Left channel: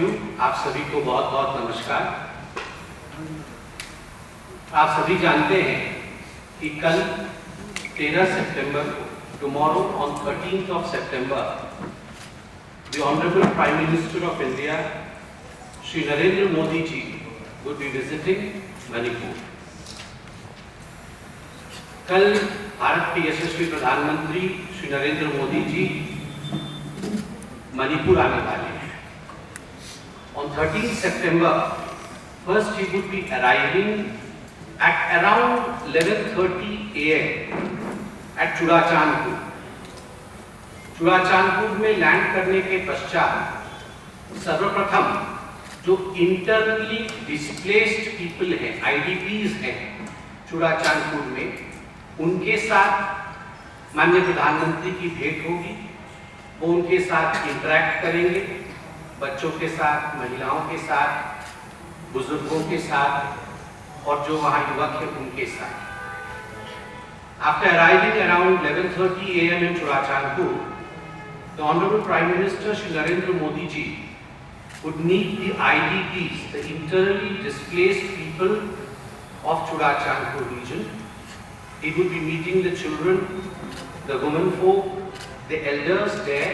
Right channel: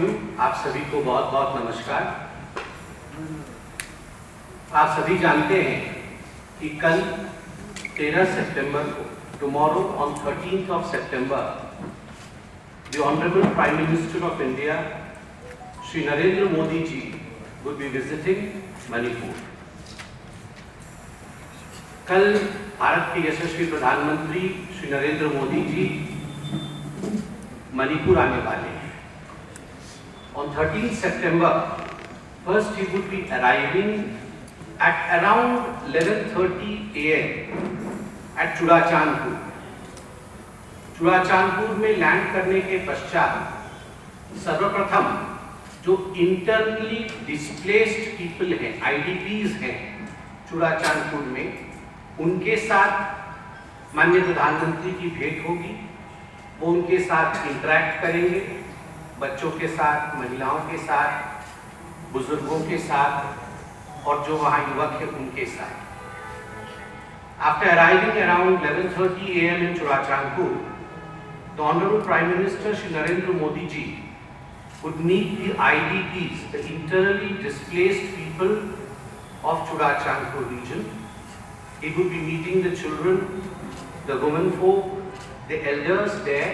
आप सभी को बहुत बहुत नमस्कार। आप सभी जानते हैं कि कल 13 सितंबर को, tomorrow on 13th of September, the Honorable Prime Minister of India, Shri Narendra Modi ji, would be visiting Manipur. कल भारत के यशस्वी प्रधानमंत्री श्री नरेंद्र मोदी जी मणिपुर आने वाले हैं। On 13th September, first he would be arriving at around 11:30 AM at चुड़ाचांदपुर। चुड़ाचांदपुर में land करने के पश्चात सर्वप्रथम जो इंटरनली डिस्प्लेस्ड पीपल हैं, IDPs हैं चुड़ाचांदपुर में, उनके साथ माननीय प्रधानमंत्री की भेंट होगी। वो उनके साथ इंटरैक्ट करेंगे, बच्चों के साथ, महिलाओं के साथ, बुजुर्गों के साथ और जो वहाँ युवक हैं उनके साथ। After arriving around 11:30 AM in Churachandpur, the Honorable Prime Minister Shri Narendra Modi ji would meet the IDPs, the internally displaced people of Churachandpur region. He would be meeting the children, the women folk, the elders there,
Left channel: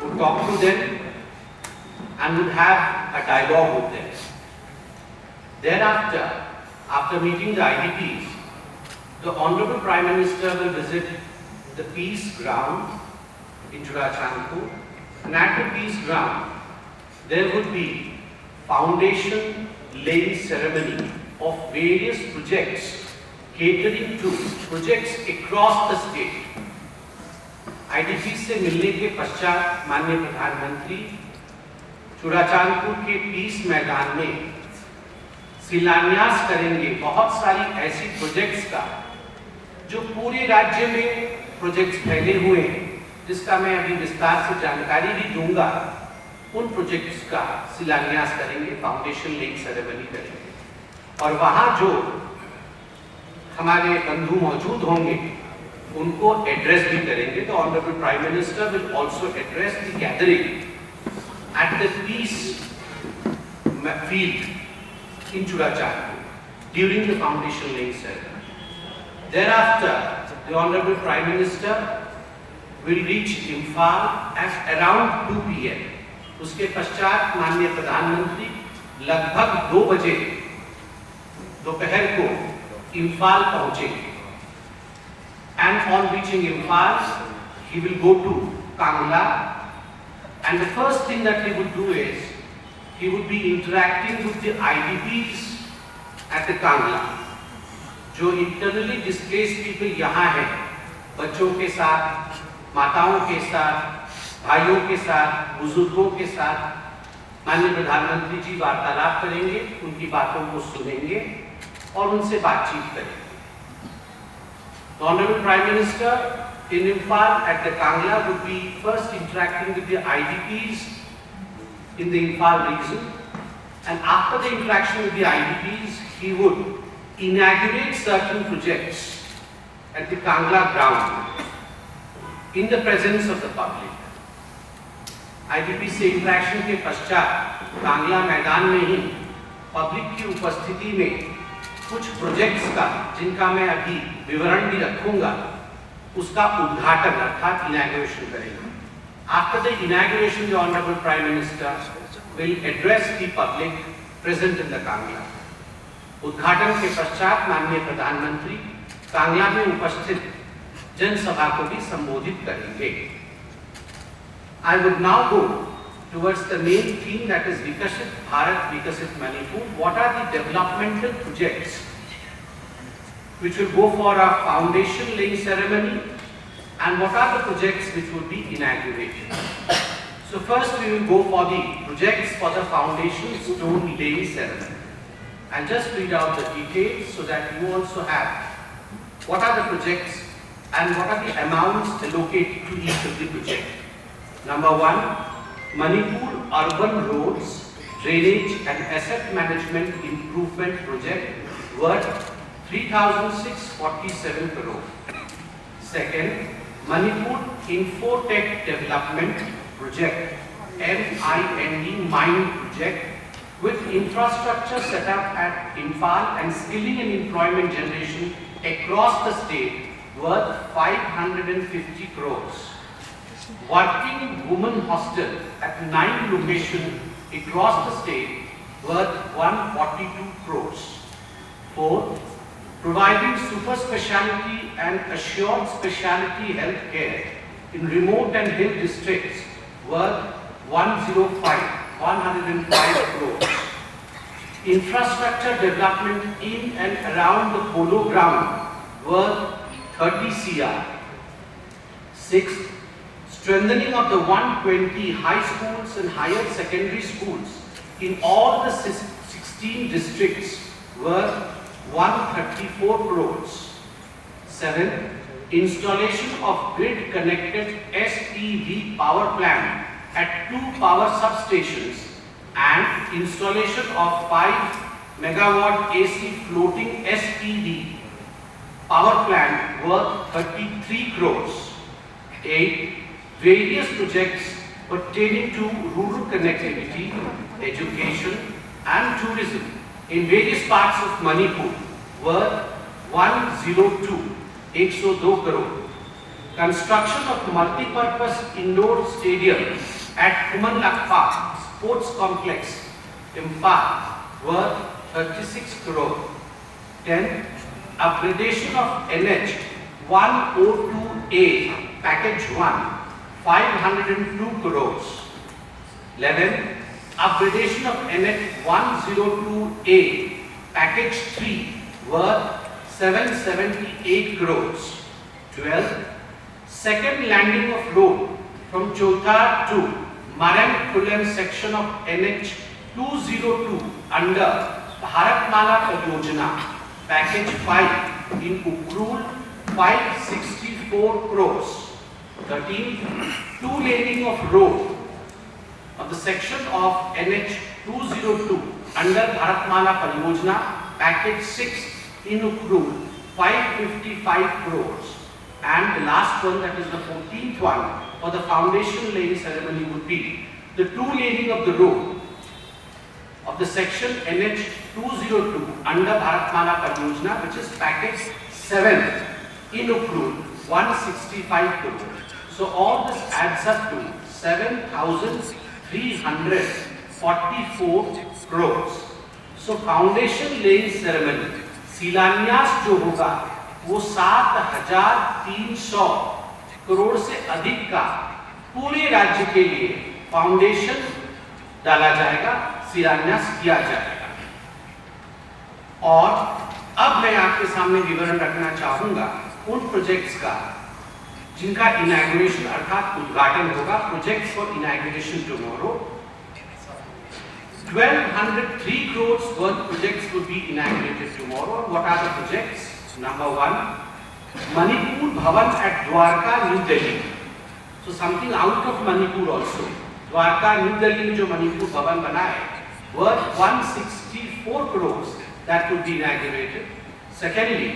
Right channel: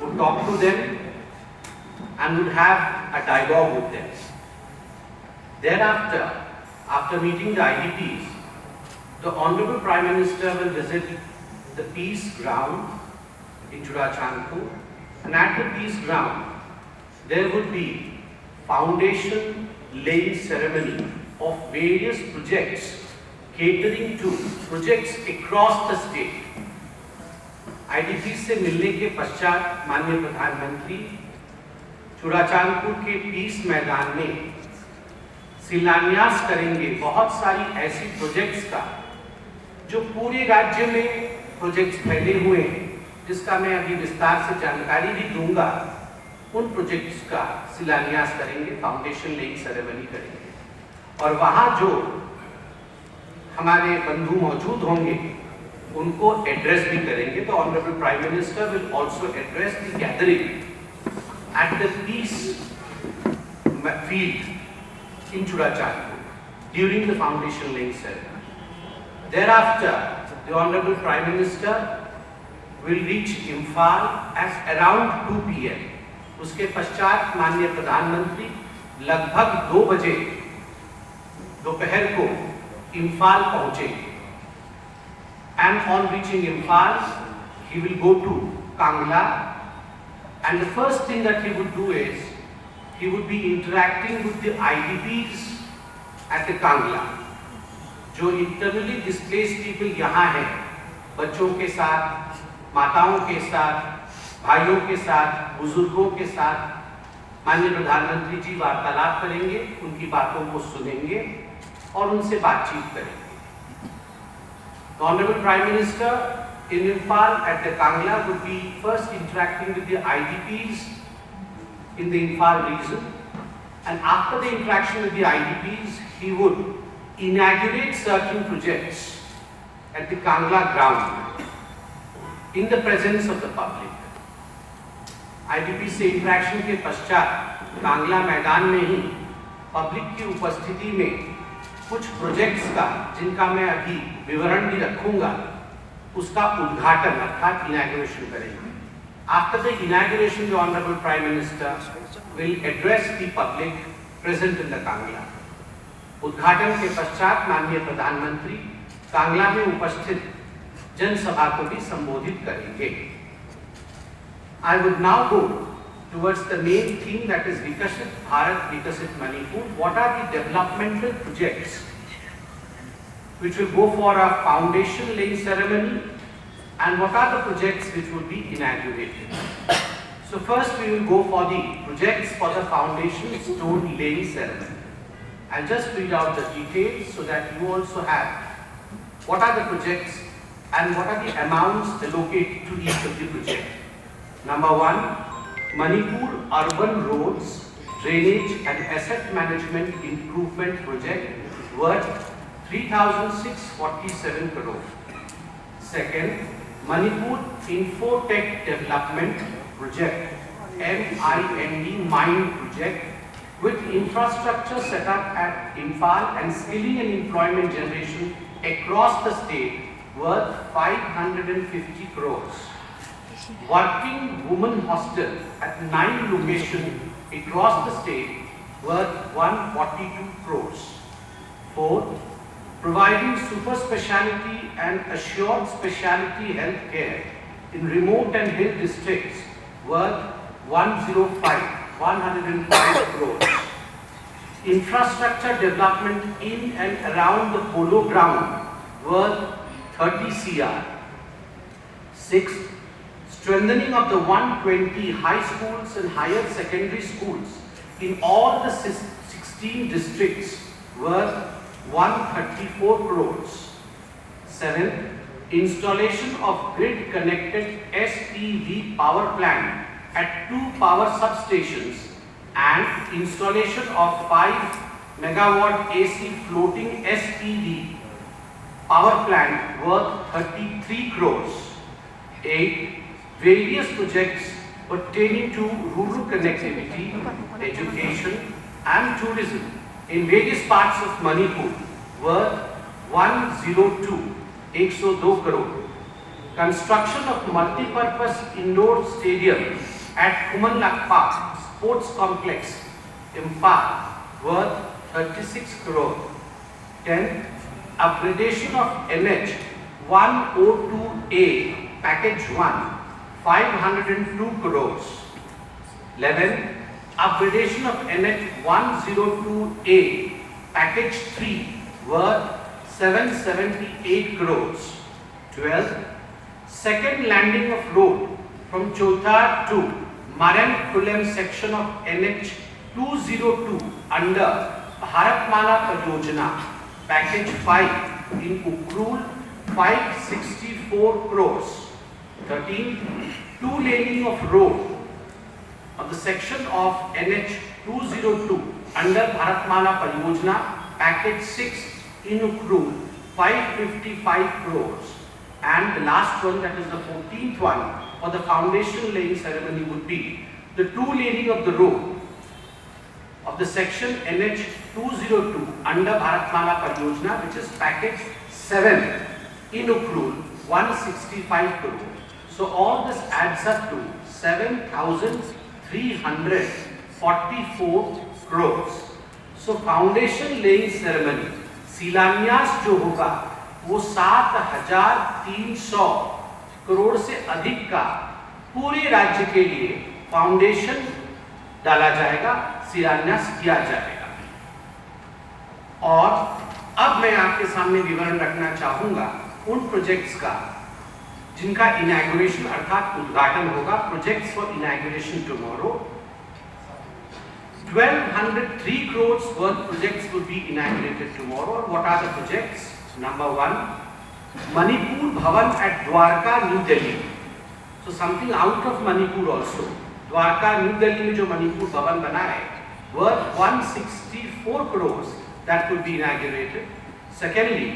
would talk to them and would have a dialogue with them. Thereafter, after meeting the IDPs, the Honorable Prime Minister will visit the peace ground in Churachandpur, and at the peace ground, there would be foundation laying ceremony of various projects catering to projects across the state. IDP से मिलने के पश्चात माननीय प्रधानमंत्री चुड़ाचांदपुर के piece मैदान में शिलान्यास करेंगे बहुत सारी ऐसी प्रोजेक्ट्स का जो पूरे राज्य में प्रोजेक्ट्स फैले हुए हैं, जिसका मैं अभी विस्तार से जानकारी भी दूंगा। उन प्रोजेक्ट्स का शिलान्यास करेंगे, फाउंडेशन लेइंग सेरेमनी करेंगे और वहाँ जो हमारे बंधु मौजूद होंगे उनको एड्रेस भी करेंगे। तो honourable prime minister will also address the gathering at the peace field in Churachandpur during the foundation laying ceremony. Thereafter, the Honorable Prime Minister will reach Imphal at around 2 PM. उसके पश्चात माननीय प्रधानमंत्री लगभग 2 बजे दोपहर को इम्फाल पहुंचेंगे। And on reaching Imphal, he will go to Kangla, and the first thing that he would do is he would be interacting with the IDPs at the Kangla. जो internally displaced people यहाँ हैं, बच्चों के साथ, माताओं के साथ, भाइयों के साथ, बुजुर्गों के साथ माननीय प्रधानमंत्री जी वार्तालाप करेंगे, उनकी बातों को सुनेंगे और उनसे बातचीत करेंगे। The Honorable Prime Minister in Imphal at the Kangla would be first interacting with the IDPs in the Imphal region, and after the interaction with the IDPs, he would inaugurate certain projects at the Kangla ground in the presence of the public. IDP से interaction के पश्चात कांगला मैदान में ही public की उपस्थिति में कुछ projects का, जिनका मैं अभी विवरण भी रखूंगा, उसका उद्घाटन अर्थात इनॉग्रेशन करेंगे। After the inauguration, the Honorable Prime Minister will address the public present in the Kangla. उद्घाटन के पश्चात माननीय प्रधानमंत्री कांगला में उपस्थित जनसभा को भी संबोधित करेंगे। I would now go towards the main theme, that is Vikasit Bharat, Vikasit Manipur. What are the developmental projects which will go for a foundation laying ceremony, and what are the projects which will be inaugurated? So first we will go for the projects for the foundation stone laying ceremony. I'll just read out the details so that you also have what are the projects and what are the amounts allocated to each of the project. Number 1, Manipur Urban Roads, Drainage and Asset Management Improvement Project worth 3,647 crore. Second, Manipur Infotech Development Project MIND mine project with infrastructure set up at Imphal and skilling and employment generation across the state worth 550 crores. Working women hostel at 9 locations across the state worth 142 crores. Fourth, providing super speciality and assured speciality health care in remote and hill districts worth 105 crores. Infrastructure development in and around the polo ground worth 30 crore. Sixth, strengthening of the 120 high schools and higher secondary schools in all the 16 districts worth 134 crores. Seventh, installation of grid-connected SPV power plant at 2 power substations and installation of 5 megawatt AC floating SPV power plant worth 33 crores. 8. Various projects pertaining to rural connectivity, education and tourism in various parts of Manipur worth 102 crore. Construction of multi-purpose indoor stadium at LAKPAGI Sports Complex, Imphal worth 36 crore. 10. Upgradation of NH 102A Package 1, 502 crores. 11. Upgradation of NH 102A Package 3 worth 778 crores. 12. Second landing of road from Chauthar to Maran-Kulan section of NH 202 under Bharatmala Pariyojana Package 5 in Ukhrul 564 crores. 13. Two laning of road of the section of NH 202 under Bharatmala Pariyojana Package 6 in Ukhrul 555 crores. And the last one, that is the 14th one, for the foundation laying ceremony would be the two laning of the road of the section NH 202 under Bharatmala Pariyojana, which is package 7 in Ukhrul 165 crores. So all this adds up to 7,344 crores. So foundation laying ceremony, शिलान्यास जो होगा वो 7,300 करोड़ से अधिक का पूरे राज्य के लिए फाउंडेशन डाला जाएगा, शिलान्यास किया जाएगा। और अब मैं आपके सामने विवरण रखना चाहूंगा उन प्रोजेक्ट्स का जिनका इनॉग्रेशन अर्थात उद्घाटन होगा। Projects for inauguration tomorrow. 1,203 crores worth projects would be inaugurated tomorrow. What are the projects? Number 1, Manipur Bhavan at Dwarka, New Delhi. So something out of Manipur also. Dwarka, New Delhi में जो Manipur Bhavan बना है worth 164 crores that would be inaugurated. Secondly,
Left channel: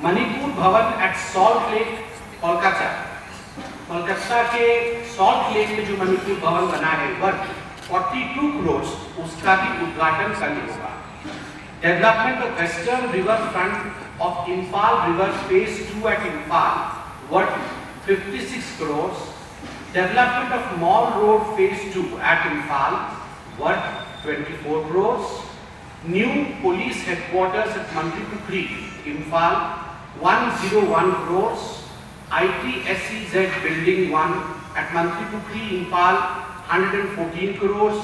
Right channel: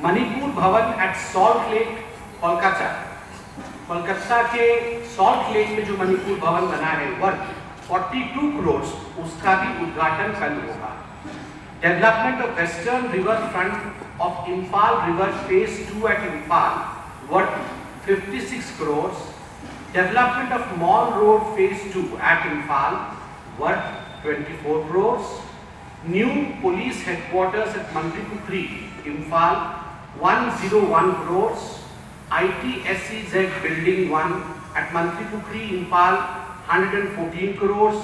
Manipur Bhavan at Salt Lake, Kolkata. Kolkata के Salt Lake में जो Manipur Bhavan बना है worth 42 crores, उसका भी उद्घाटन कल होगा। Development of Western River Front of Imphal River Phase 2 at Imphal worth 56 crores. Development of Mall Road Phase 2 at Imphal worth 24 crores. New police headquarters at Mantripukri, Imphal 101 crores. ITSEZ Building 1 at Mantripukri, Imphal 114 crores.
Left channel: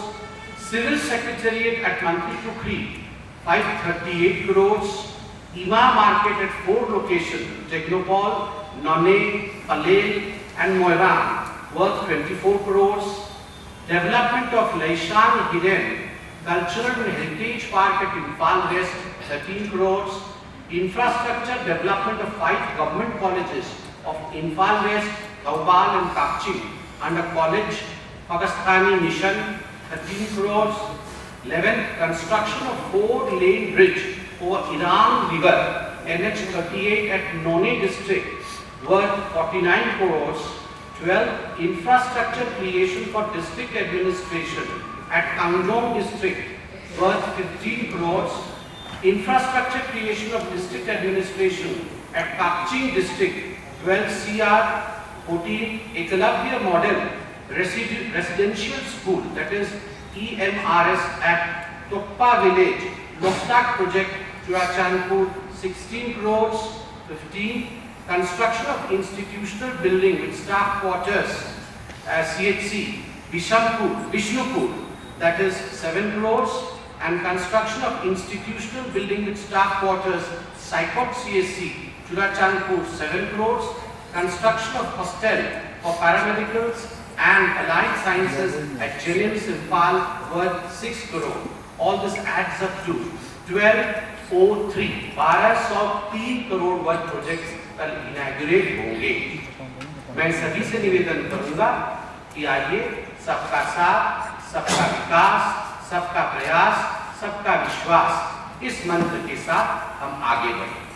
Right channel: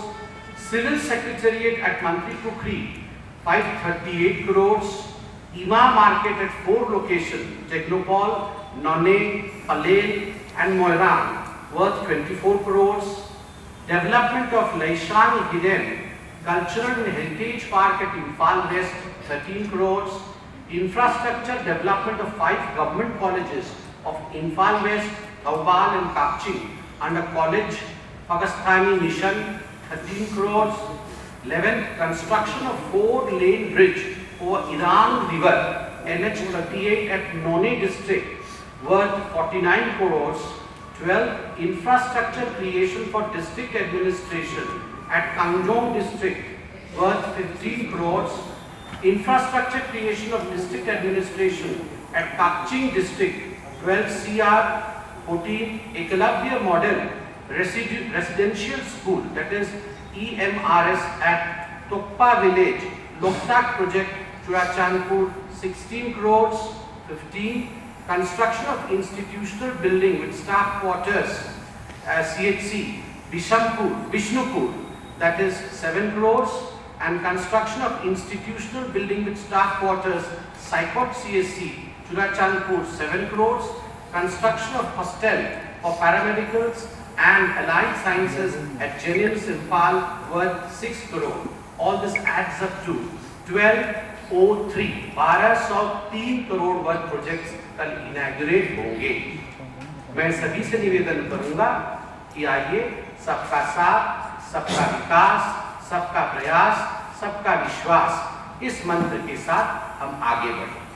Civil Secretariat at Mantripukri 538 crores. IMA Market at 4 locations, Technopol, Nonne, Palel and Moiran worth 24 crores. Development of Laishan Hidden Cultural and Heritage Park at Imphal West 13 crores. Infrastructure development of 5 government colleges of Imphal West, Thambal and Kapching under College Pakistani Mission 13 crores. 11th, construction of 4-lane bridge over Iran River NH 38 at Nonne district worth 49 crores. 12th, infrastructure creation for district administration at Kangjong district worth 15 crores, infrastructure creation of district administration at Kakching district 12 CR 14, Ekalavya model residential school, that is EMRS at Tokpa village, Loktak project Churachandpur 16 crores 15, construction of institutional building with staff quarters CHC Vishnupur, that is 7 crores, and construction of institutional building with staff quarters Saikot CSC Churachandpur 7 crores, construction of hostel for paramedicals and allied sciences at JNIMS Imphal worth 6 crore. All this adds up to 1203 1203 crore worth projects कल inaugurate होंगे। मैं सभी से निवेदन करूंगा कि आइए सबका साथ, सबका विकास, सबका प्रयास, सबका विश्वास, इस मंत्र के साथ हम आगे बढ़ें।